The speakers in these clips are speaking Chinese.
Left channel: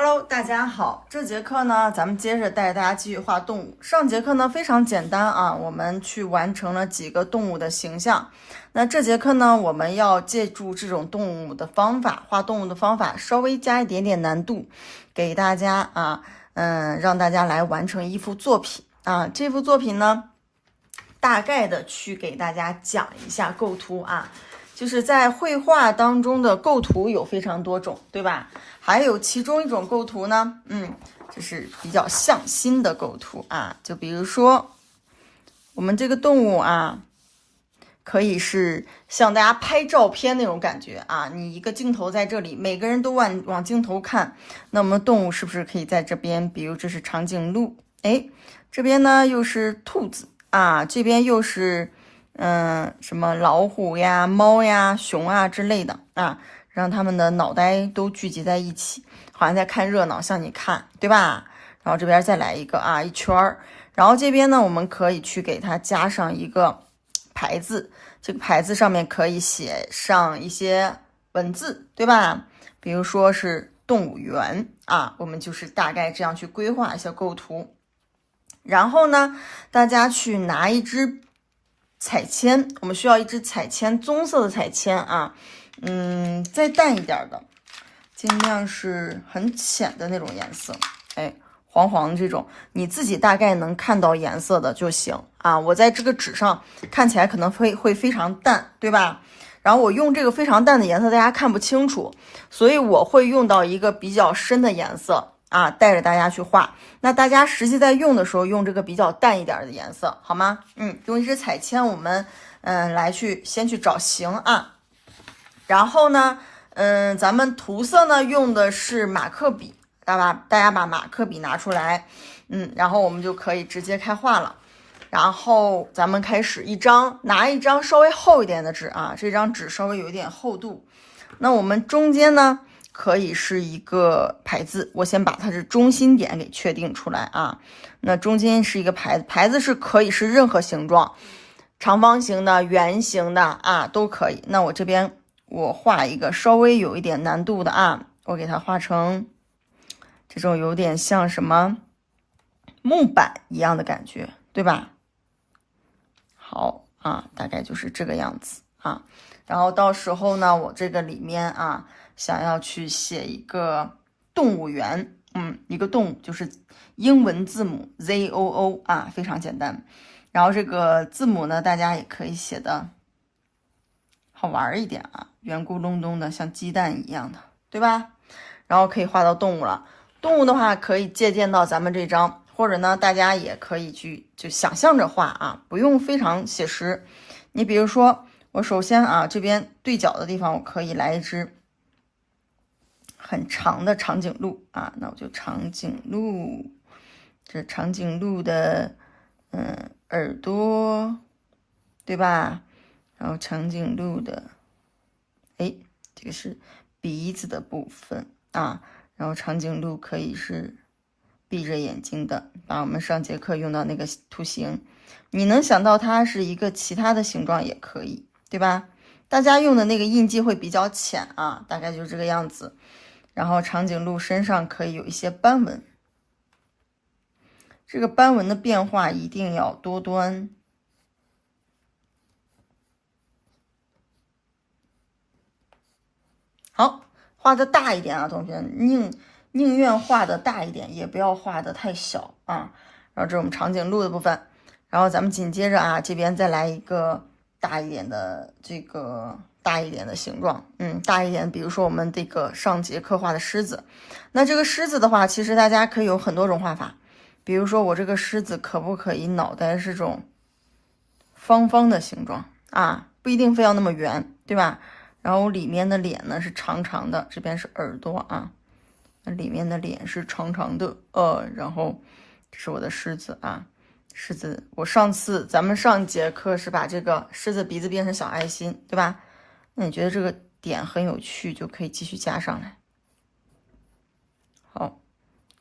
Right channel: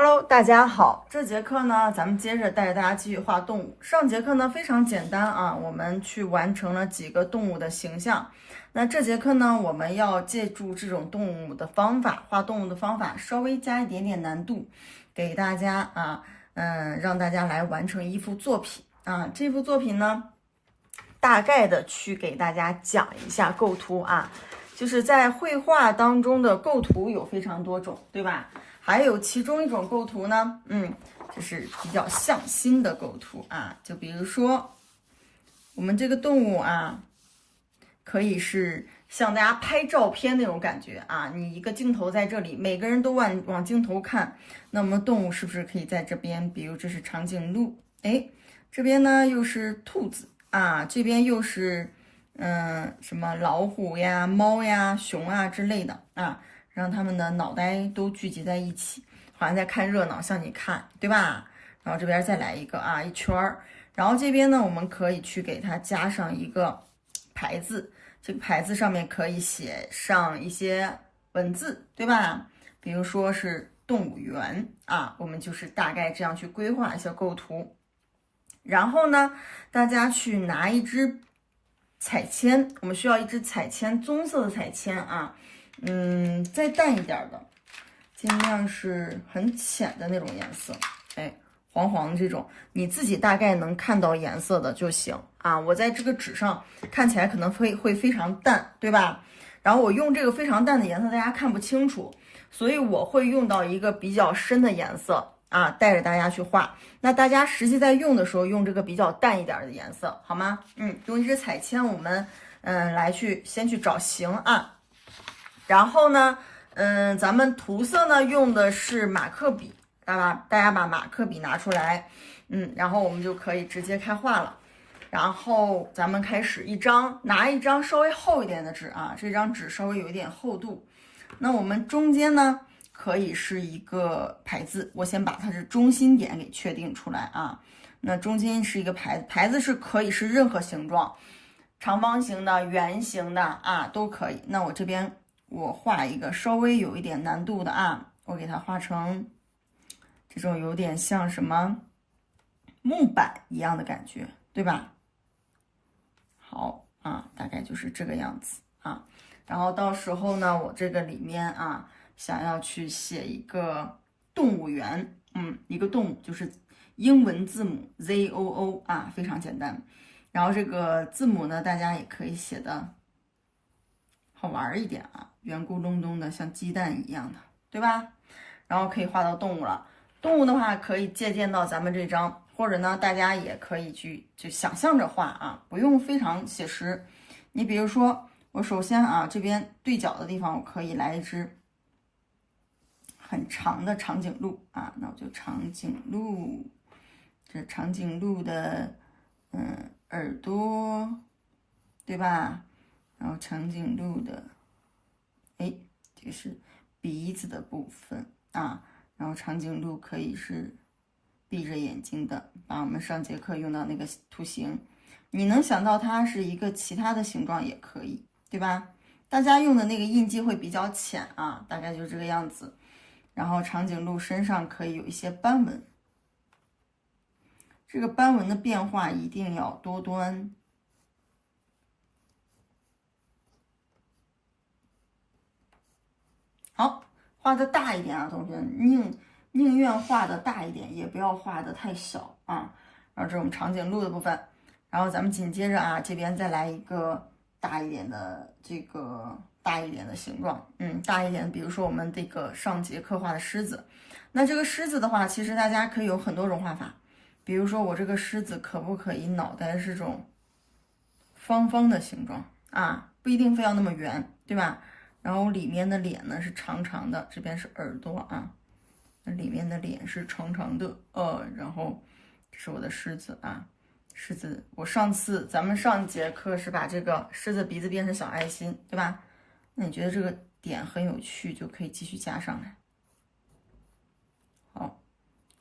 Hello，大家好。这节课呢，咱们接着带着大家继续画动物。上节课呢非常简单啊，我们去完成了几个动物的形象。那这节课呢，我们要借助这种动物的方法，画动物的方法，稍微加一点点难度，给大家让大家来完成一幅作品啊。这幅作品呢，大概的去给大家讲一下构图啊。就是在绘画当中的构图有非常多种，对吧？还有其中一种构图呢，就是比较向心的构图啊。就比如说我们这个动物啊，可以是像大家拍照片那种感觉啊。你一个镜头在这里，每个人都往镜头看，那么动物是不是可以在这边？比如这是长颈鹿，这边呢又是兔子啊，这边又是什么老虎呀、猫呀、熊啊之类的啊，让他们的脑袋都聚集在一起，好像在看热闹，向你看，对吧？然后这边再来一个啊，一圈儿。然后这边呢，我们可以去给它加上一个牌子，这个牌子上面可以写上一些文字，对吧？比如说是动物园啊，我们就是大概这样去规划一下构图。然后呢，大家去拿一支彩铅，我们需要一支彩铅，棕色的彩铅啊，再淡一点的，尽量是很浅的那种颜色，黄黄这种，你自己大概能看到颜色的就行啊。我在这个纸上看起来可能会非常淡，对吧？然后我用这个非常淡的颜色，大家看不清楚，所以我会用到一个比较深的颜色啊，带着大家去画。那大家实际在用的时候，用这个比较淡一点的颜色，好吗？用一支彩铅，我们来先去找形啊。然后呢，咱们涂色呢用的是马克笔，大家把马克笔拿出来，然后我们就可以直接开画了。然后咱们开始拿一张稍微厚一点的纸啊，这张纸稍微有一点厚度。那我们中间呢，可以是一个牌子，我先把它的中心点给确定出来啊。那中间是一个牌子，牌子是可以是任何形状，长方形的、圆形的啊都可以。那我这边我画一个稍微有一点难度的啊，我给它画成这种有点像什么木板一样的感觉，对吧？好啊，大概就是这个样子啊。然后到时候呢，我这个里面啊，想要去写一个动物园，一个动物就是英文字母 ZOO 啊，非常简单。然后这个字母呢，大家也可以写的好玩一点啊，圆咕隆咚的，像鸡蛋一样的，对吧？然后可以画到动物了。动物的话，可以借鉴到咱们这张。或者呢，大家也可以就想象着画啊，不用非常写实。你比如说，我首先啊，这边对角的地方，我可以来一只很长的长颈鹿啊，那我就长颈鹿，这长颈鹿的耳朵，对吧？然后长颈鹿的，这个是鼻子的部分啊，然后长颈鹿可以是闭着眼睛的，把我们上节课用到那个图形，你能想到它是一个其他的形状也可以，对吧？大家用的那个印记会比较浅啊，大概就是这个样子。然后长颈鹿身上可以有一些斑纹，这个斑纹的变化一定要多端。好，画的大一点啊，同学，宁愿画的大一点，也不要画的太小啊。然后这是我们长颈鹿的部分，然后咱们紧接着啊，这边再来一个大一点的形状，大一点，比如说我们这个上节课画的狮子，那这个狮子的话，其实大家可以有很多种画法，比如说我这个狮子可不可以脑袋是这种方方的形状啊，不一定非要那么圆，对吧？然后里面的脸呢是长长的，这边是耳朵啊。里面的脸是长长的，然后这是我的狮子啊，狮子，咱们上一节课是把这个狮子鼻子变成小爱心，对吧？那你觉得这个点很有趣，就可以继续加上来。好，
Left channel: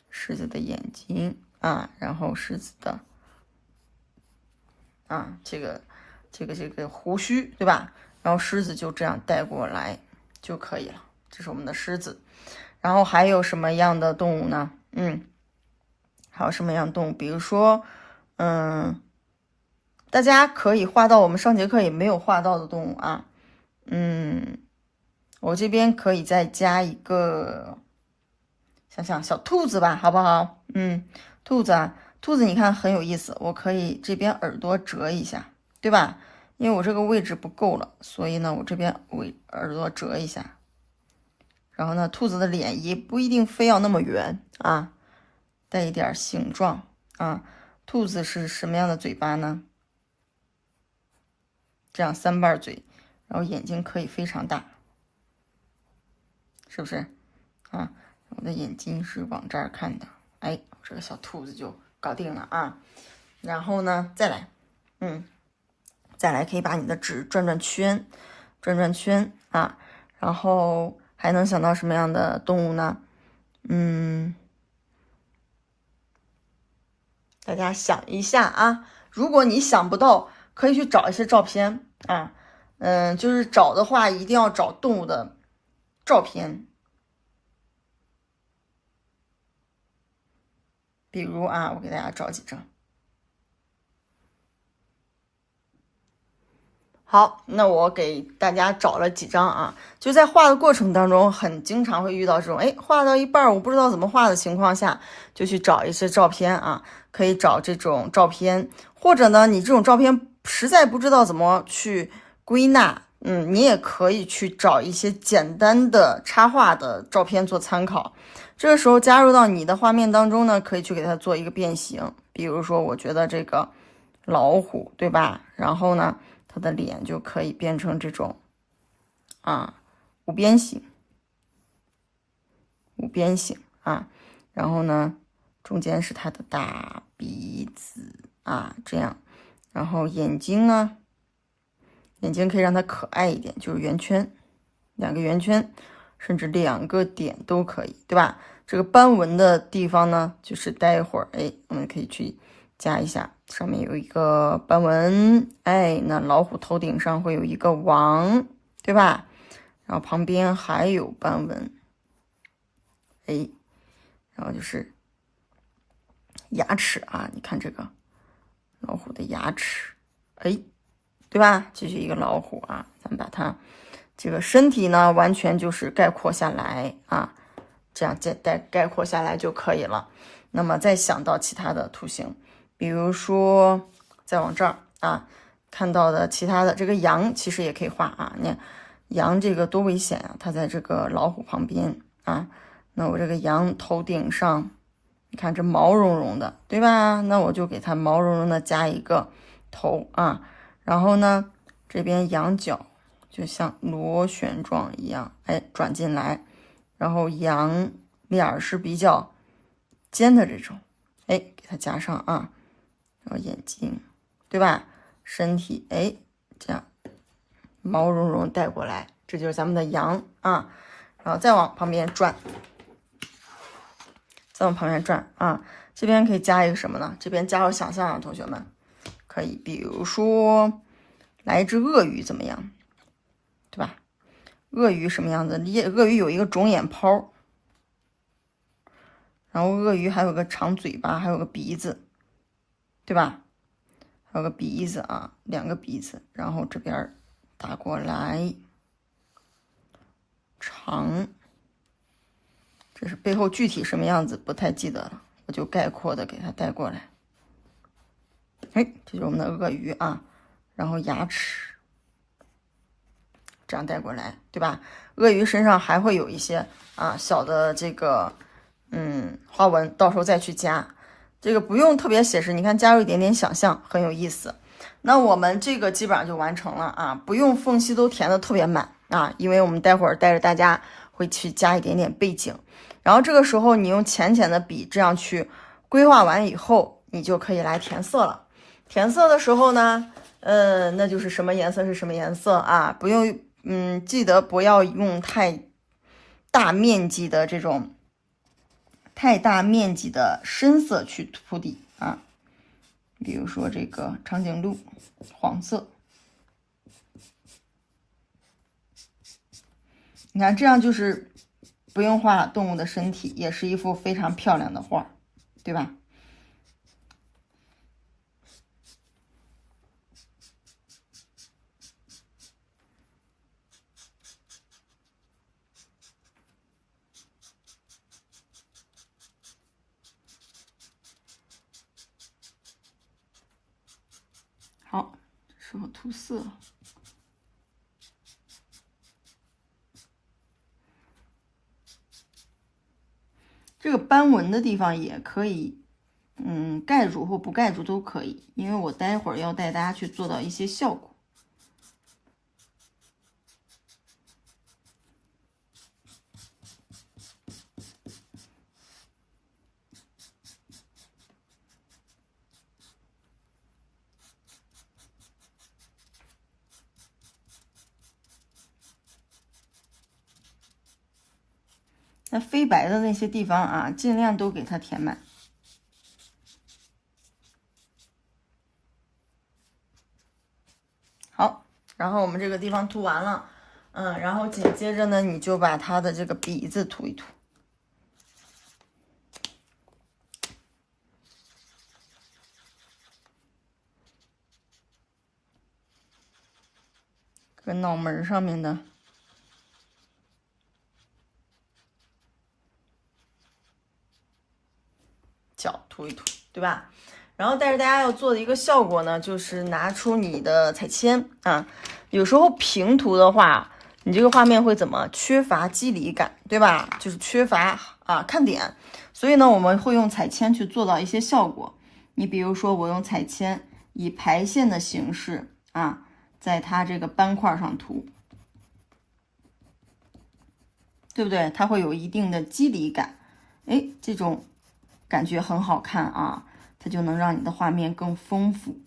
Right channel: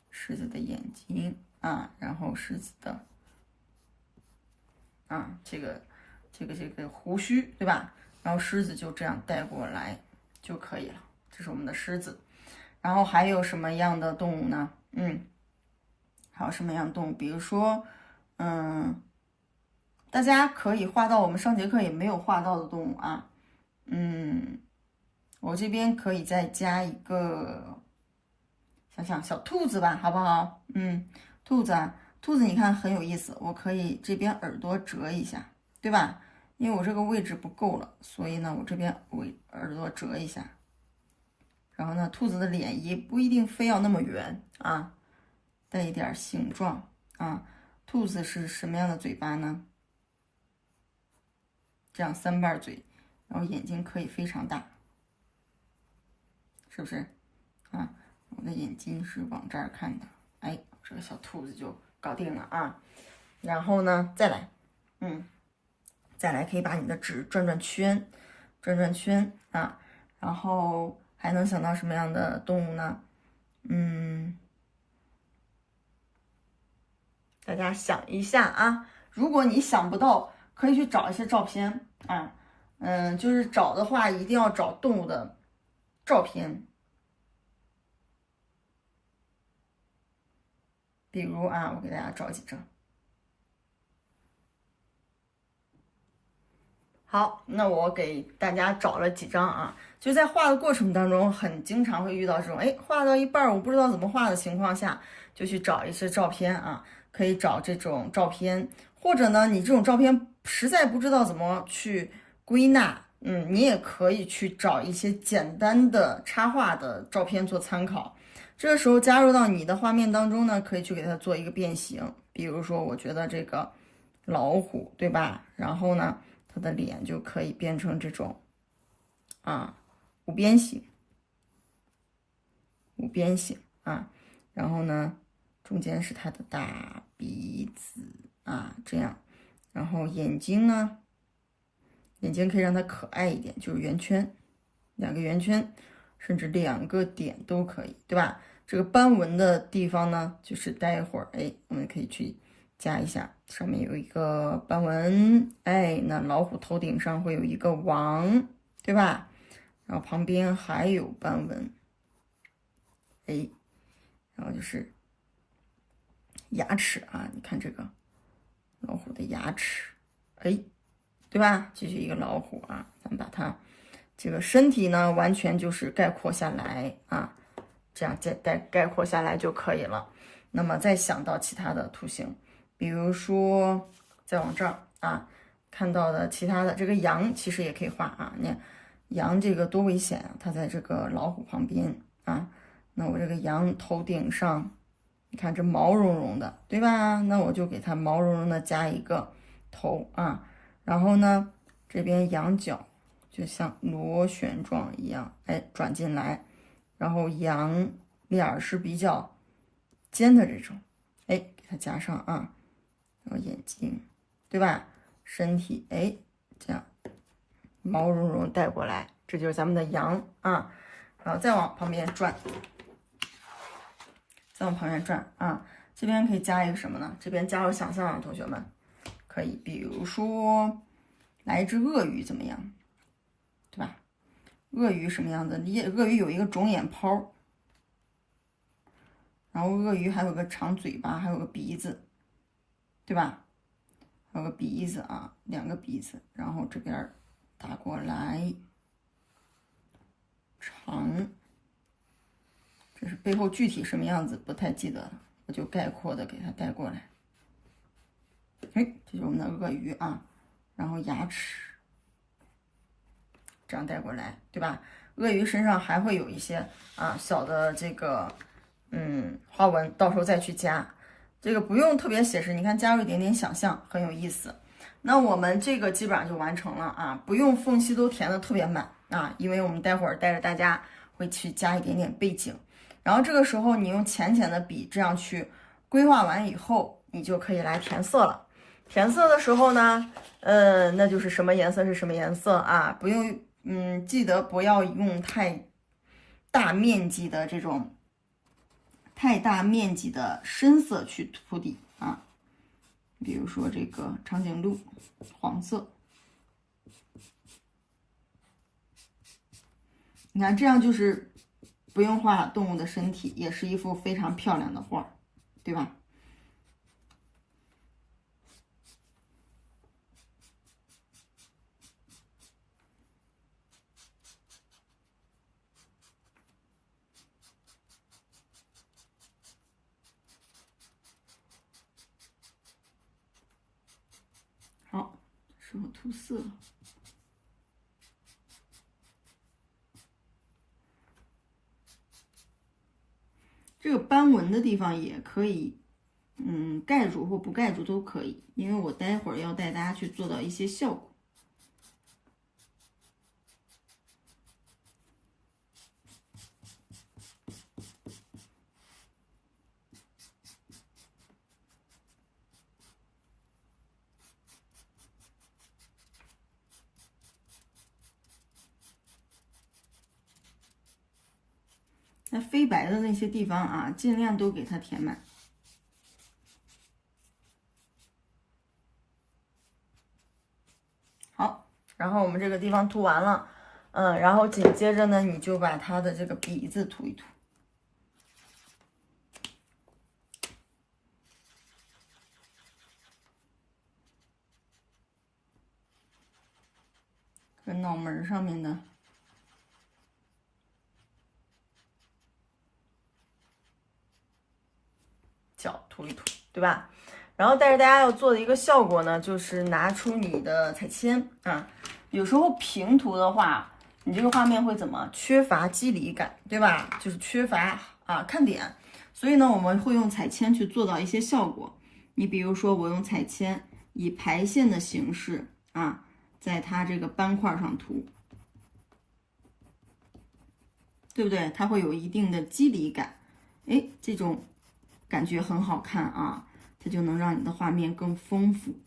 狮子的眼睛啊，然后狮子的这个胡须，对吧？然后狮子就这样带过来就可以了，这是我们的狮子。然后还有什么样的动物呢？还有什么样的动物？比如说，大家可以画到我们上节课也没有画到的动物啊。我这边可以再加一个，想想小兔子吧，好不好？兔子啊，兔子你看很有意思，我可以这边耳朵折一下，对吧？因为我这个位置不够了，所以呢，我这边耳朵折一下。然后呢，兔子的脸也不一定非要那么圆啊，带一点形状啊。兔子是什么样的嘴巴呢？这样3瓣嘴，然后眼睛可以非常大，是不是啊？我的眼睛是往这儿看的，哎，这个小兔子就搞定了啊。然后呢，再来，再来可以把你的纸转转圈，转转圈啊。然后还能想到什么样的动物呢？大家想一下啊。如果你想不到，可以去找一些照片啊。就是找的话，一定要找动物的照片。比如啊，我给大家找几张。好，那我给大家找了几张啊，就在画的过程当中，很经常会遇到这种，画到一半我不知道怎么画的情况下，就去找一些照片啊，可以找这种照片，或者呢，你这种照片实在不知道怎么去归纳，你也可以去找一些简单的插画的照片做参考。这个时候加入到你的画面当中呢，可以去给它做一个变形，比如说，我觉得这个老虎，对吧？然后呢，它的脸就可以变成这种五边形啊，然后呢，中间是它的大鼻子啊，这样，然后眼睛呢，眼睛可以让它可爱一点，就是圆圈，2个圆圈，甚至2个点都可以，对吧？这个斑纹的地方呢，就是待会儿我们可以去加一下，上面有一个斑纹，那老虎头顶上会有一个王，对吧？然后旁边还有斑纹，然后就是牙齿啊，你看这个老虎的牙齿，对吧？这是一个老虎啊，咱们把它这个身体呢，完全就是概括下来啊，这样概括下来就可以了。那么再想到其他的图形，比如说再往这儿啊，看到的其他的这个羊其实也可以画啊。你看羊这个多危险啊，它在这个老虎旁边啊。那我这个羊头顶上，你看这毛茸茸的，对吧？那我就给它毛茸茸的加一个头啊。然后呢，这边羊角就像螺旋状一样，转进来。然后羊脸是比较尖的这种，给它加上啊。然后眼睛，对吧？身体，这样毛茸茸带过来，这就是咱们的羊啊。然后再往旁边转，啊。这边可以加一个什么呢？这边加入想象啊，同学们可以，比如说来一只鳄鱼怎么样？对吧？鳄鱼什么样子？鳄鱼有一个肿眼泡，然后鳄鱼还有个长嘴巴，还有个鼻子，对吧？还有个鼻子啊，2个鼻子，然后这边打过来，长，这是背后具体什么样子不太记得了，我就概括的给它带过来。这就是我们的鳄鱼啊，然后牙齿这样带过来，对吧？鳄鱼身上还会有一些小的这个花纹，到时候再去加，这个不用特别写实，你看加入一点点想象，很有意思。那我们这个基本上就完成了啊，不用缝隙都填的特别满啊，因为我们待会儿带着大家会去加一点点背景，然后这个时候你用浅浅的笔这样去规划完以后，你就可以来填色了。填色的时候呢，那就是什么颜色是什么颜色啊，不用记得不要用太大面积的深色去铺底啊。比如说这个长颈鹿黄色，你看这样就是不用画动物的身体，也是一幅非常漂亮的画，对吧？好，这时候涂色。这个斑纹的地方也可以，盖住或不盖住都可以，因为我待会儿要带大家去做到一些效果。那飞白的那些地方啊，尽量都给它填满。好，然后我们这个地方涂完了，然后紧接着呢，你就把它的这个鼻子涂一涂。跟脑门上面的角涂一涂，对吧？然后，但是大家要做的一个效果呢，就是拿出你的彩铅啊。有时候平涂的话，你这个画面会怎么缺乏肌理感，对吧？就是缺乏看点。所以呢，我们会用彩铅去做到一些效果。你比如说，我用彩铅以排线的形式啊，在它这个斑块上涂，对不对？它会有一定的肌理感，哎，这种感觉很好看啊。它就能让你的画面更丰富。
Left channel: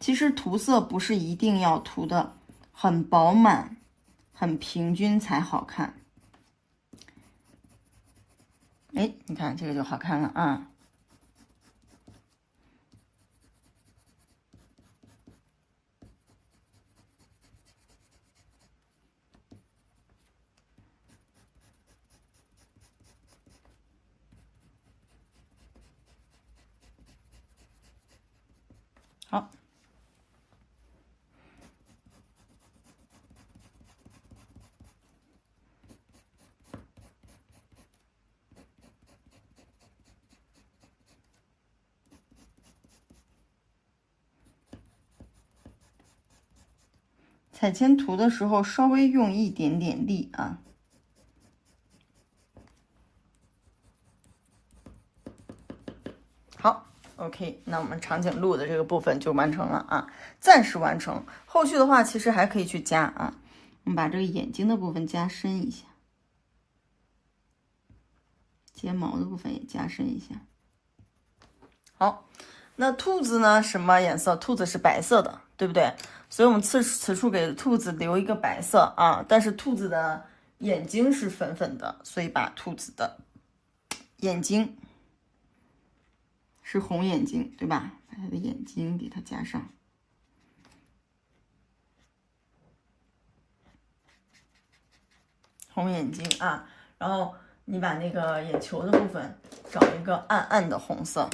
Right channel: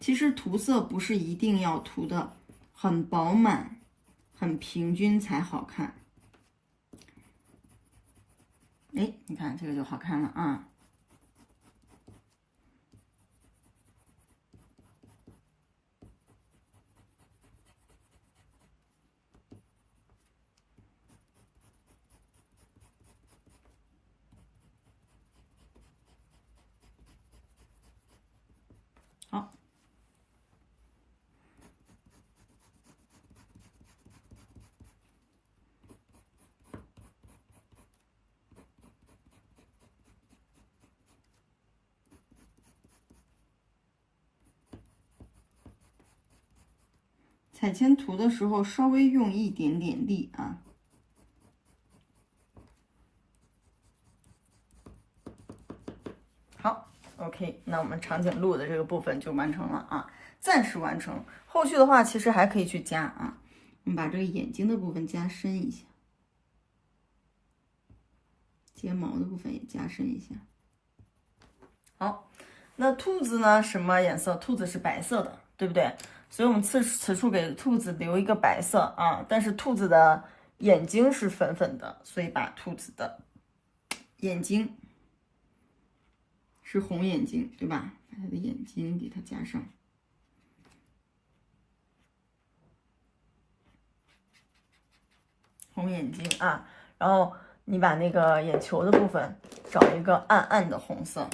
其实涂色不是一定要涂的很饱满、很平均才好看。哎，你看这个就好看了啊。好。彩铅涂的时候稍微用一点点力啊。好 ，OK， 那我们长颈鹿的这个部分就完成了啊，暂时完成。后续的话其实还可以去加啊，我们把这个眼睛的部分加深一下，睫毛的部分也加深一下。好，那兔子呢？什么颜色？兔子是白色的，对不对？所以我们此处给兔子留一个白色啊，但是兔子的眼睛是粉粉的，所以把兔子的眼睛是红眼睛，对吧？把它的眼睛给它加上。红眼睛啊，然后你把那个眼球的部分找一个暗暗的红色。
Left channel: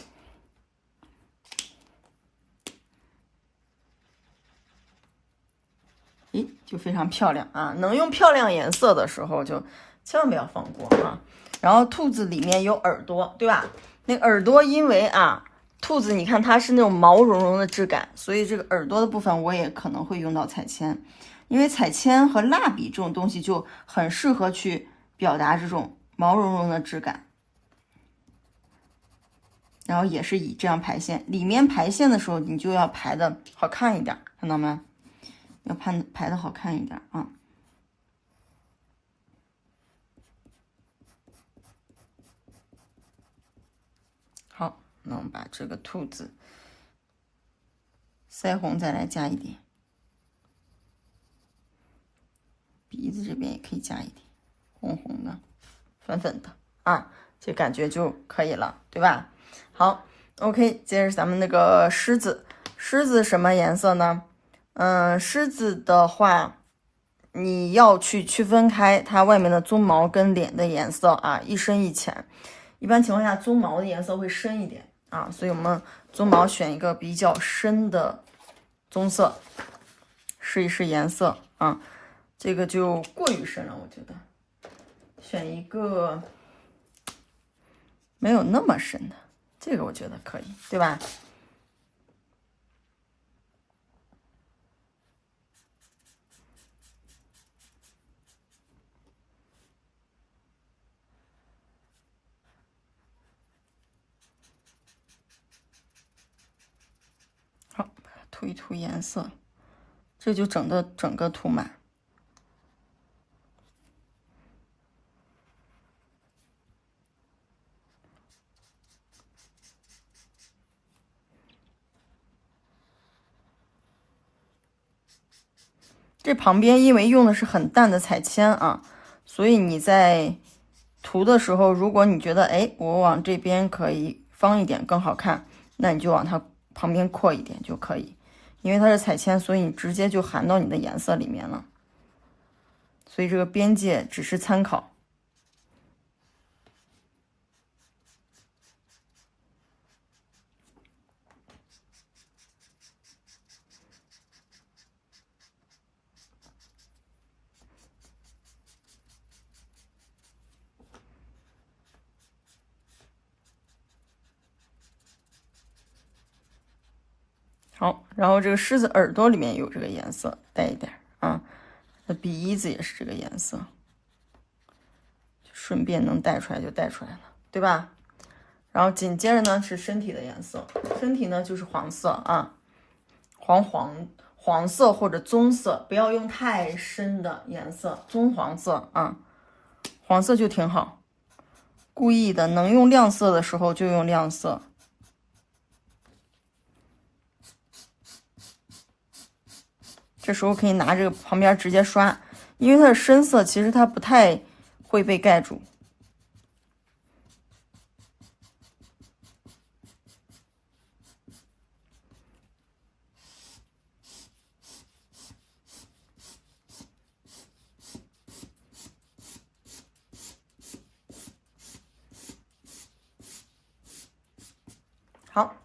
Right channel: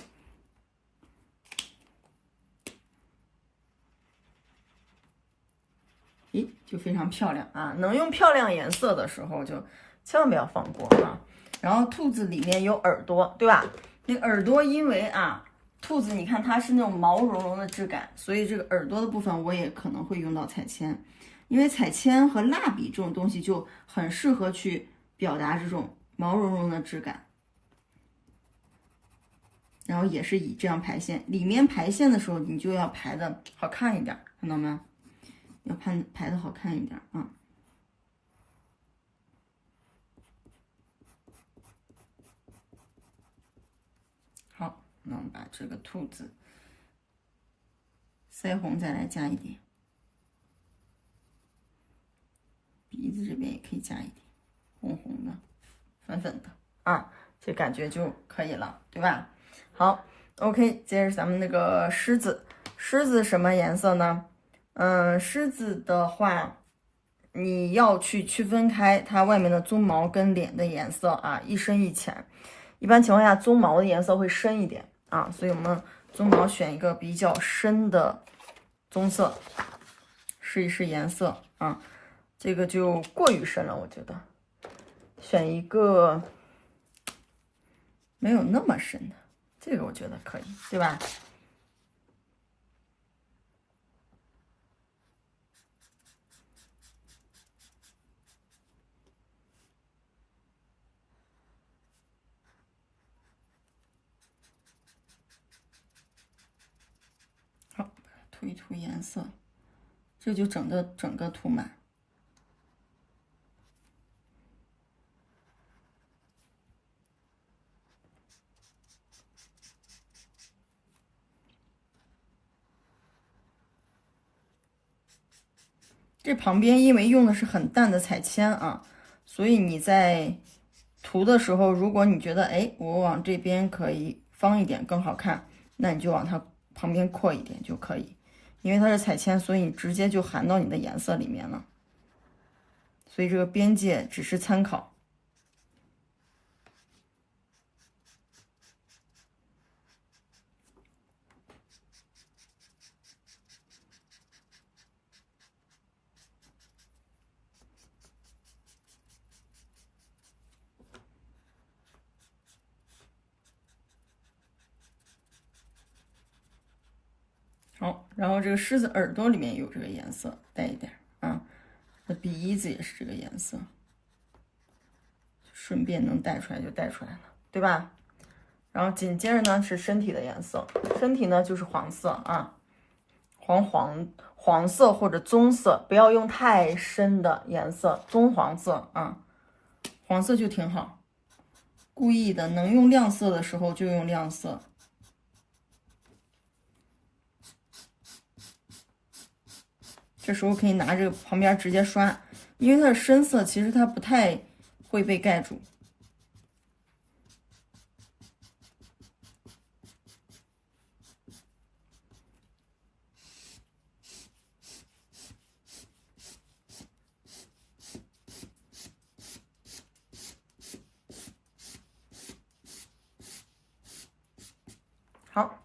诶，就非常漂亮啊！能用漂亮颜色的时候，就千万不要放过啊。然后兔子里面有耳朵，对吧？那耳朵因为兔子你看它是那种毛茸茸的质感，所以这个耳朵的部分我也可能会用到彩铅，因为彩铅和蜡笔这种东西就很适合去表达这种毛茸茸的质感。然后也是以这样排线，里面排线的时候你就要排的好看一点，看到没？要排的好看一点啊。好，那我们把这个兔子腮红再来加一点，鼻子这边也可以加一点，红红的、粉粉的啊，这感觉就可以了，对吧？好 ，OK， 接着咱们那个狮子，狮子什么颜色呢？狮子的话，你要去区分开它外面的鬃毛跟脸的颜色啊，一深一浅。一般情况下，鬃毛的颜色会深一点啊，所以我们鬃毛选一个比较深的棕色，试一试颜色啊。这个就过于深了，我觉得选一个没有那么深的，这个我觉得可以，对吧？好，涂一涂颜色，这就整个涂满。这旁边因为用的是很淡的彩铅啊，所以你在涂的时候，如果你觉得哎，我往这边可以方一点更好看，那你就往它旁边扩一点就可以。因为它是彩铅，所以你直接就含到你的颜色里面了。所以这个边界只是参考。好，然后这个狮子耳朵里面有这个颜色，带一点啊。这鼻翼子也是这个颜色，顺便能带出来就带出来了，对吧？然后紧接着呢是身体的颜色，身体呢就是黄色啊，黄色或者棕色，不要用太深的颜色，棕黄色啊，黄色就挺好。故意的，能用亮色的时候就用亮色。这时候可以拿这个旁边直接刷，因为它的深色其实它不太会被盖住。好，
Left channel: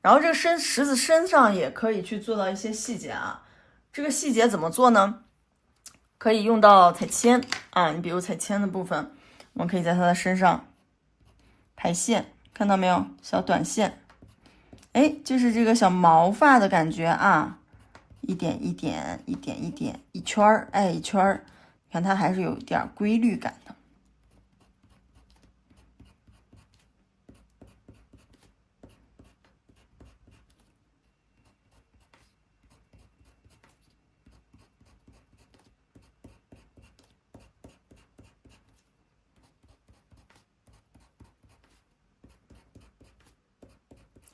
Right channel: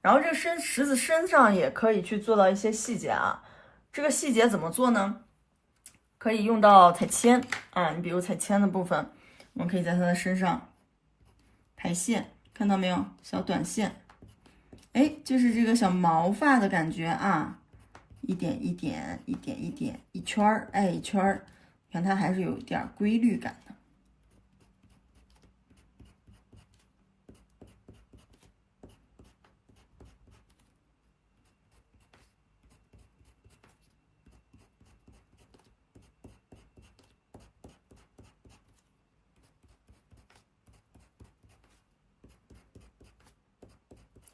然后这个狮子身上也可以去做到一些细节啊。这个细节怎么做呢？可以用到彩铅啊，你比如彩铅的部分，我们可以在它的身上排线，看到没有？小短线，哎，就是这个小毛发的感觉啊，一点一点，一点一点，一圈儿，哎，一圈儿，看它还是有一点规律感的。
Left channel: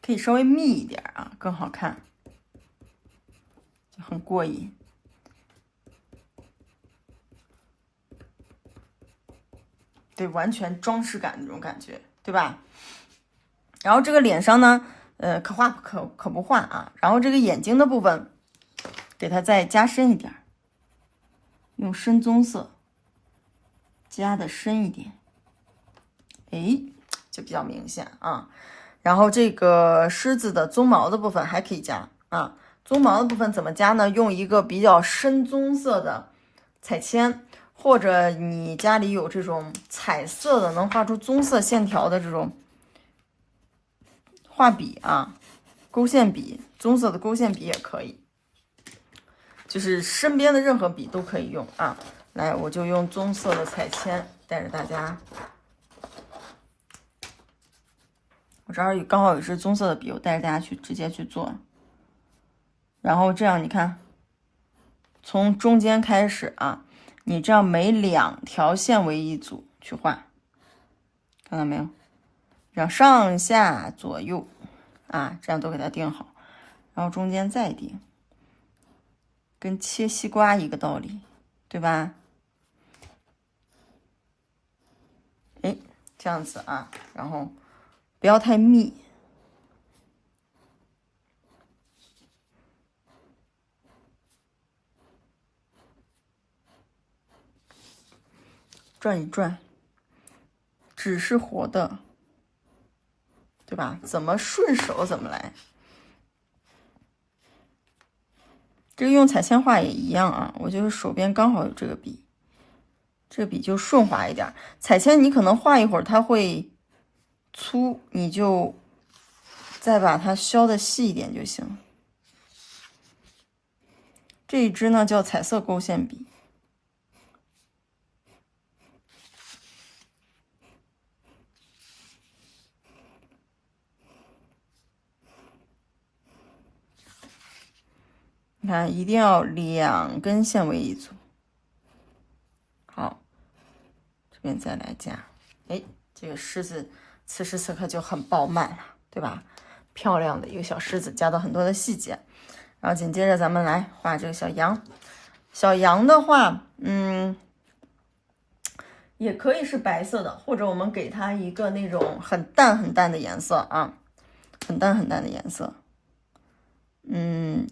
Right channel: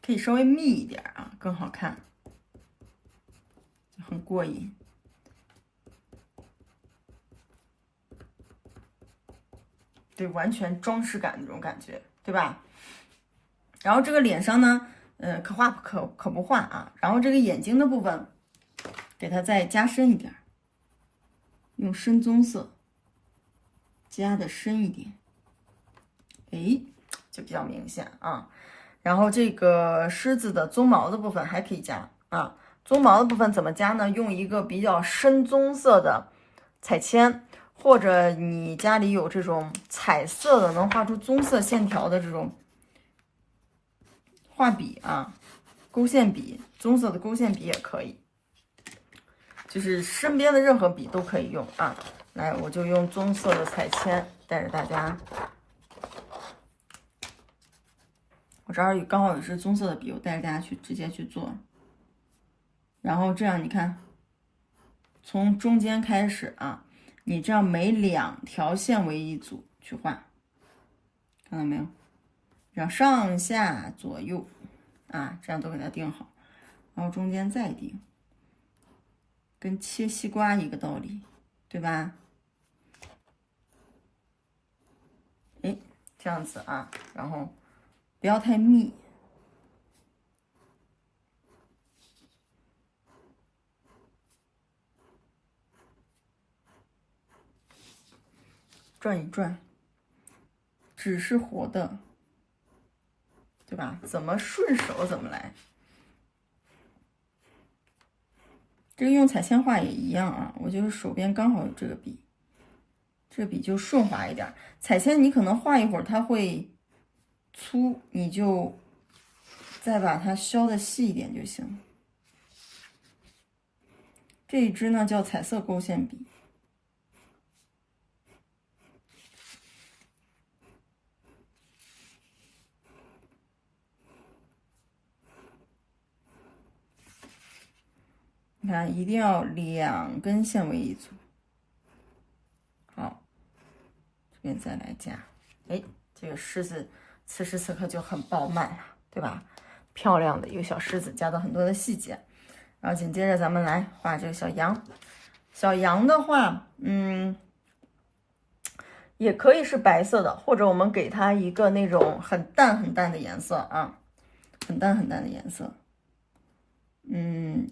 可以稍微密一点啊，更好看，就很过瘾。对，完全装饰感那种感觉，对吧？然后这个脸上呢，可画可不画啊。然后这个眼睛的部分，给它再加深一点，用深棕色加的深一点，哎，就比较明显啊。然后这个狮子的鬃毛的部分还可以加啊。鬃毛的部分怎么加呢？用一个比较深棕色的彩铅，或者你家里有这种彩色的能画出棕色线条的这种画笔啊，勾线笔，棕色的勾线笔也可以，就是身边的任何笔都可以用啊。来，我就用棕色的彩铅带着大家。我这儿刚好有支棕色的笔，我带着大家去直接去做。然后这样你看，从中间开始啊，你这样每2条线为一组去画，看到没有？让上下左右啊，这样都给它定好，然后中间再定，跟切西瓜一个道理，对吧？哎，这样子啊，然后不要太密。转一转，纸是活的，对吧？怎么顺手怎么来。这个用彩铅画也一样啊，我就是手边刚好有这个笔，这个笔就顺滑一点。彩铅你可能画一会儿它会粗，你就再把它削的细一点就行。这一支呢叫彩色勾线笔。你看，一定要2根线为一组。好，这边再来加，哎，这个狮子此时此刻就很饱满了，对吧？漂亮的一个小狮子，加到很多的细节。然后紧接着咱们来画这个小羊。小羊的话，也可以是白色的，或者我们给它一个那种很淡很淡的颜色啊，很淡很淡的颜色。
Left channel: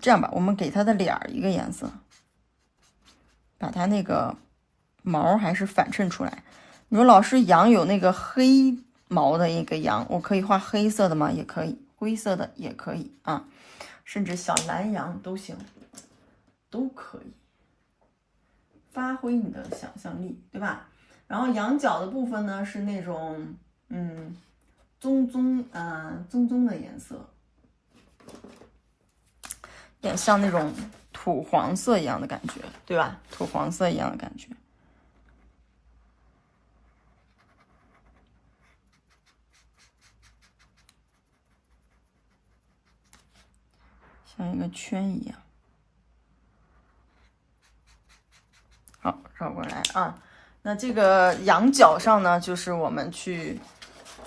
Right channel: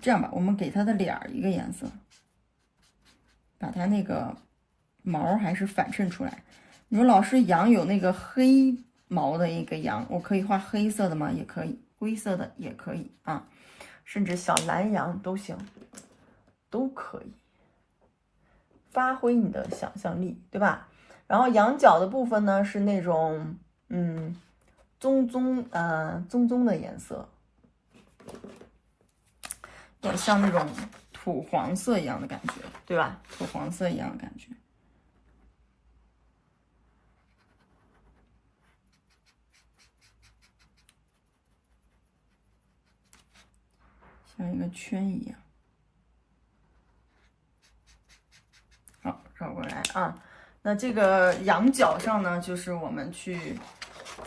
这样吧，我们给它的脸儿一个颜色，把它那个毛还是反衬出来。你说老师，羊有那个黑毛的一个羊，我可以画黑色的吗？也可以，灰色的也可以啊，甚至小蓝羊都行，都可以，发挥你的想象力，对吧？然后羊角的部分呢是那种棕棕的颜色。有点像那种土黄色一样的感觉，对吧？土黄色一样的感觉。像一个圈一样。好，绕过来啊。那这个羊角上呢，就是我们去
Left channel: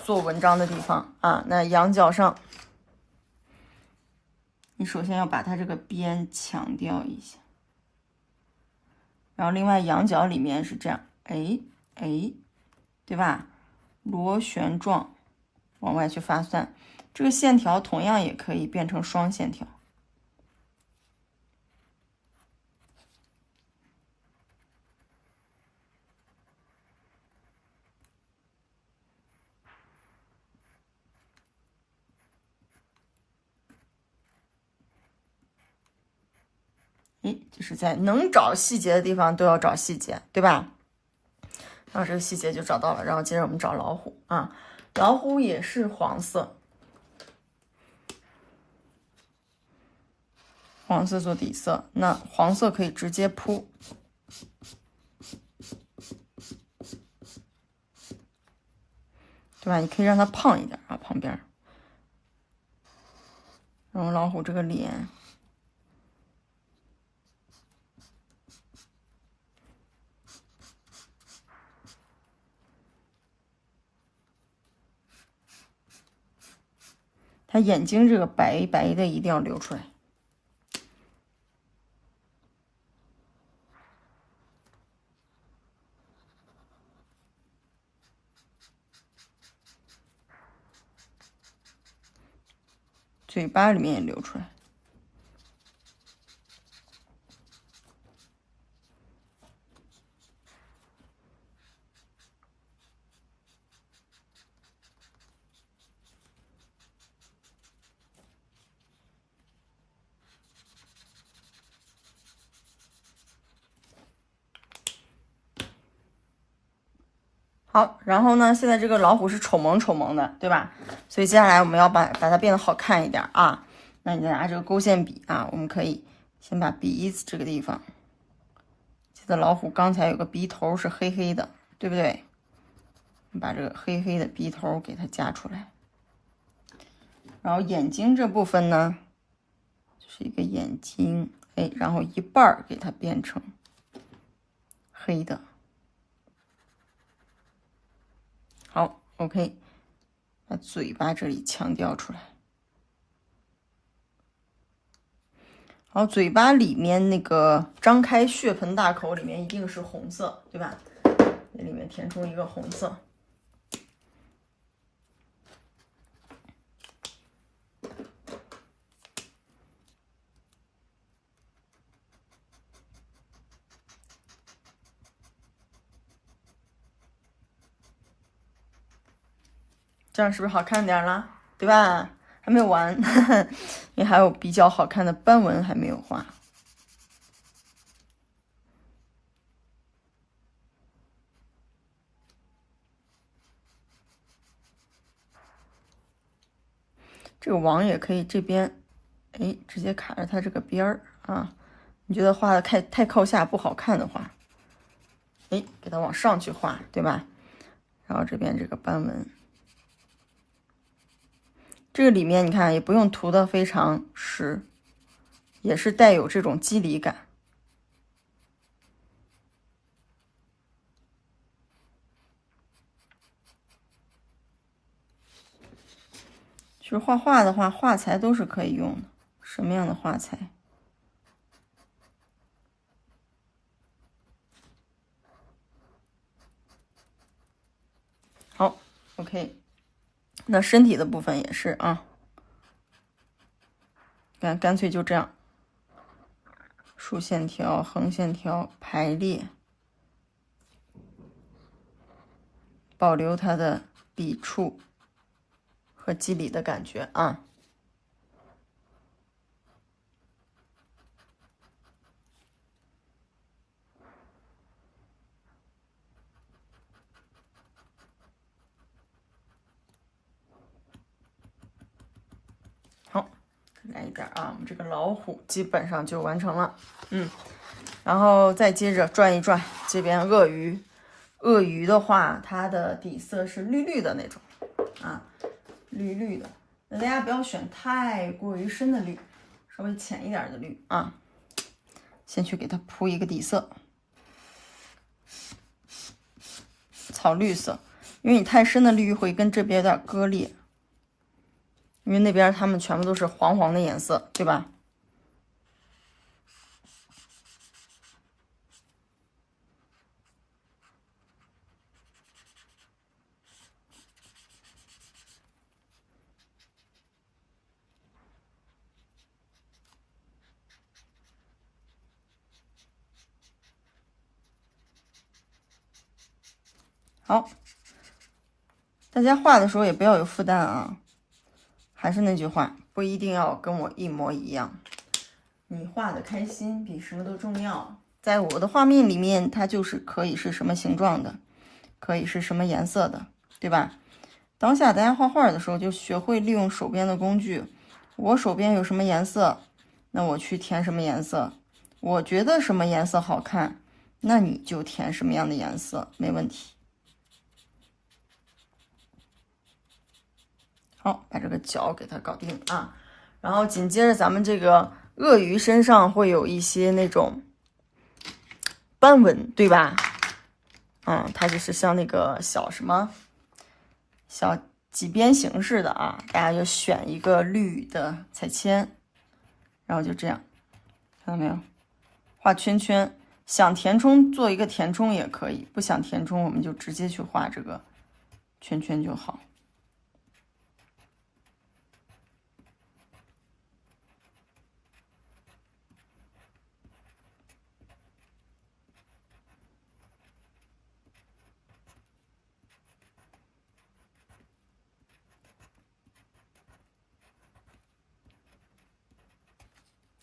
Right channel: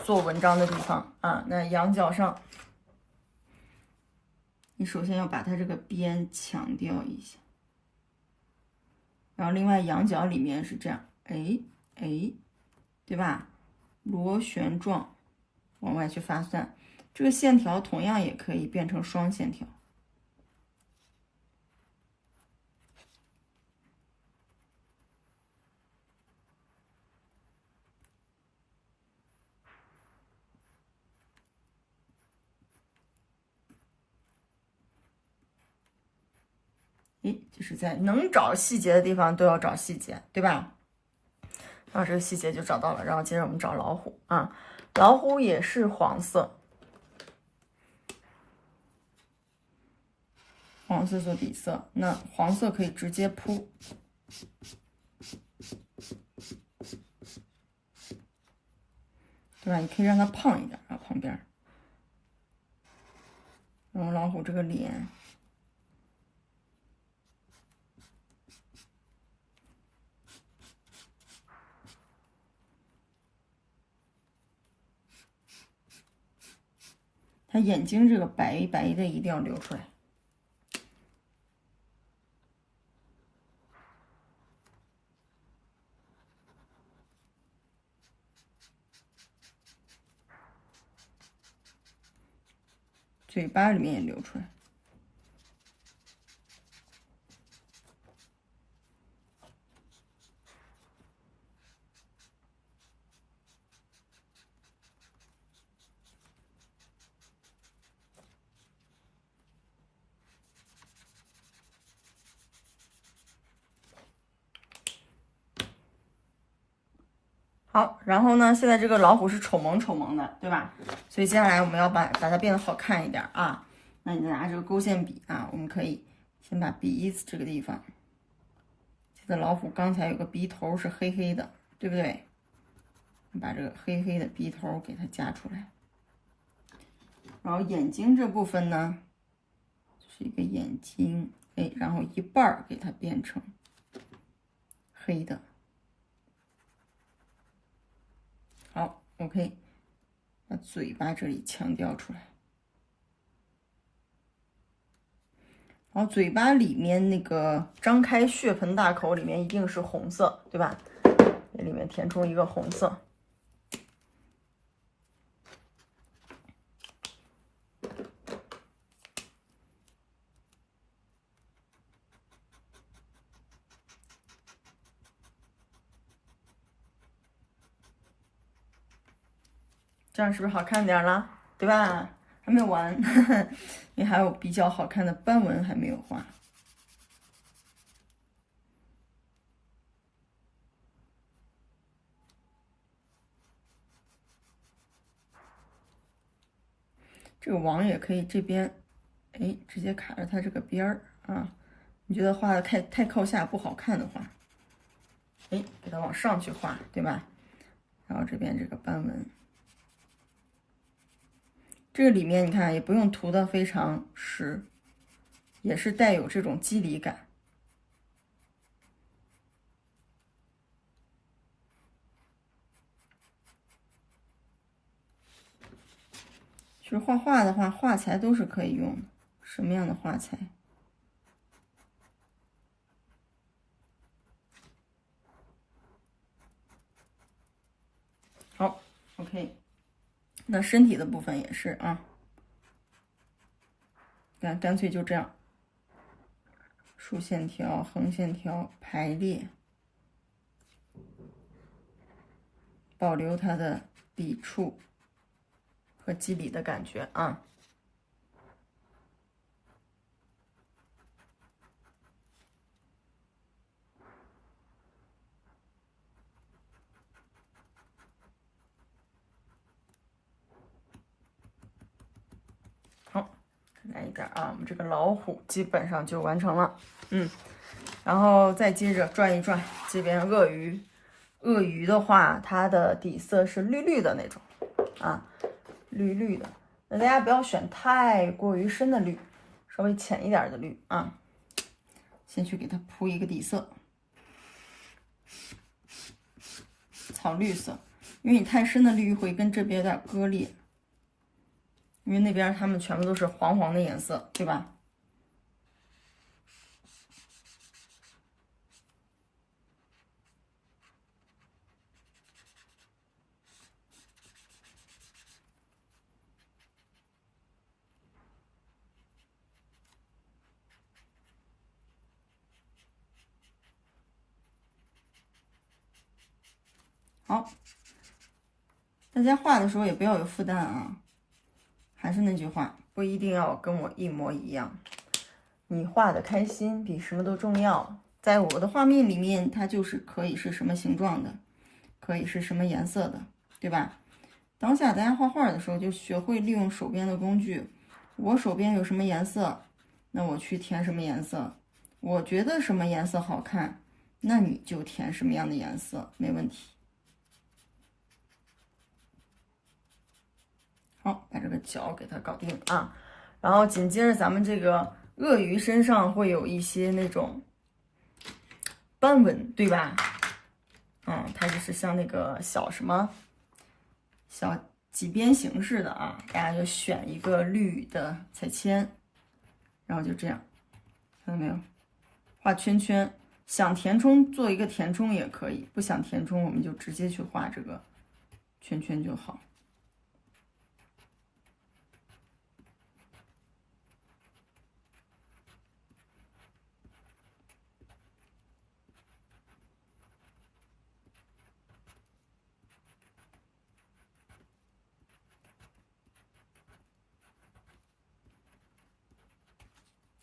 做文章的地方啊。那羊角上，你首先要把它这个边强调一下，然后另外羊角里面是这样，哎，对吧？螺旋状往外去发散，这个线条同样也可以变成双线条。就是在能找细节的地方都要找细节，对吧？然后这个细节就找到了，然后接着我们找老虎啊，老虎也是黄色，黄色做底色，那黄色可以直接铺，对吧？你可以让它胖一点啊，旁边。然后老虎这个脸。它眼睛这个白白的一定要留出来，嘴巴里面也留出来。好，然后呢，现在这个老虎是丑萌丑萌的，对吧？所以接下来我们要把它变得好看一点啊。那你再拿这个勾线笔啊，我们可以先把鼻子这个地方，记得老虎刚才有个鼻头是黑黑的，对不对？把这个黑黑的鼻头给它加出来。然后眼睛这部分呢，就是一个眼睛，哎，然后一半给它变成黑的。好 ，OK， 把嘴巴这里强调出来。然后嘴巴里面那个张开血盆大口里面一定是红色，对吧？这里面填充一个红色。这样是不是好看点了？对吧？还没有完，因为还有比较好看的斑纹还没有画。这个网也可以这边，哎，直接卡着它这个边儿啊。你觉得画的太靠下不好看的话，哎，给它往上去画，对吧？然后这边这个斑纹，这个里面你看也不用涂的非常实，也是带有这种肌理感。其实画画的话，画材都是可以用的，什么样的画材？好 ，OK。那身体的部分也是啊，干脆就这样，竖线条、横线条排列，保留它的笔触和肌理的感觉啊。好，再来一点啊，我们这个老虎基本上就完成了。然后再接着转一转，这边鳄鱼，鳄鱼的话，它的底色是绿绿的那种啊，绿绿的。那大家不要选太过于深的绿，稍微浅一点的绿啊。先去给它铺一个底色，草绿色，因为你太深的绿会跟这边有点割裂，因为那边它们全部都是黄黄的颜色，对吧？好，大家画的时候也不要有负担啊。还是那句话，不一定要跟我一模一样，你画的开心比什么都重要。在我的画面里面，它就是可以是什么形状的，可以是什么颜色的，对吧？当下大家画画的时候，就学会利用手边的工具。我手边有什么颜色，那我去填什么颜色。我觉得什么颜色好看，那你就填什么样的颜色，没问题。好，把这个脚给它搞定啊。然后紧接着咱们这个鳄鱼身上会有一些那种斑纹，对吧？它就是像那个小什么小几边形似的啊，大家就选一个绿的彩铅，然后就这样，看到没有？画圈圈，想填充做一个填充也可以，不想填充我们就直接去画这个圈圈就好。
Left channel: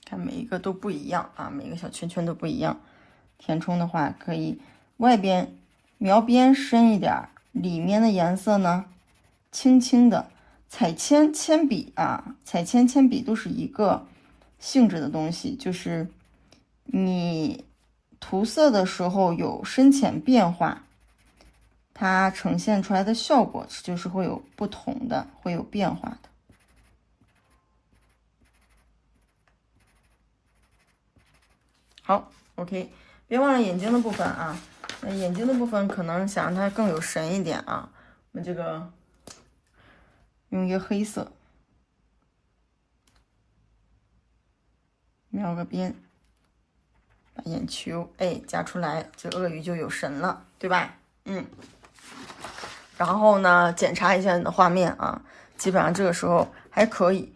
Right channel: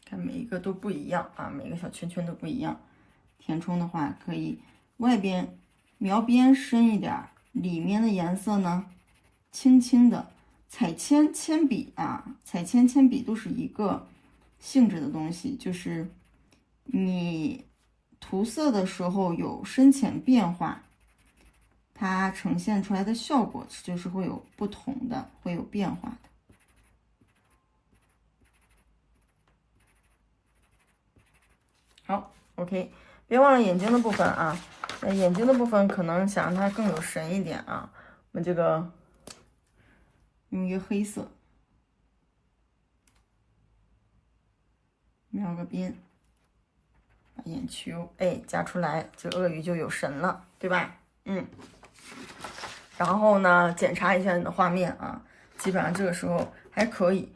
看每一个都不一样啊，每个小圈圈都不一样。填充的话，可以外边描边深一点，里面的颜色呢轻轻的。彩铅铅笔啊，彩铅铅笔都是一个性质的东西，就是你涂色的时候有深浅变化，它呈现出来的效果就是会有不同的，会有变化的。好 ，OK， 别忘了眼睛的部分啊。那眼睛的部分可能想让它更有神一点啊，我们这个用一个黑色描个边，把眼球加出来，这鳄鱼就有神了，对吧？然后呢，检查一下你的画面啊，基本上这个时候还可以。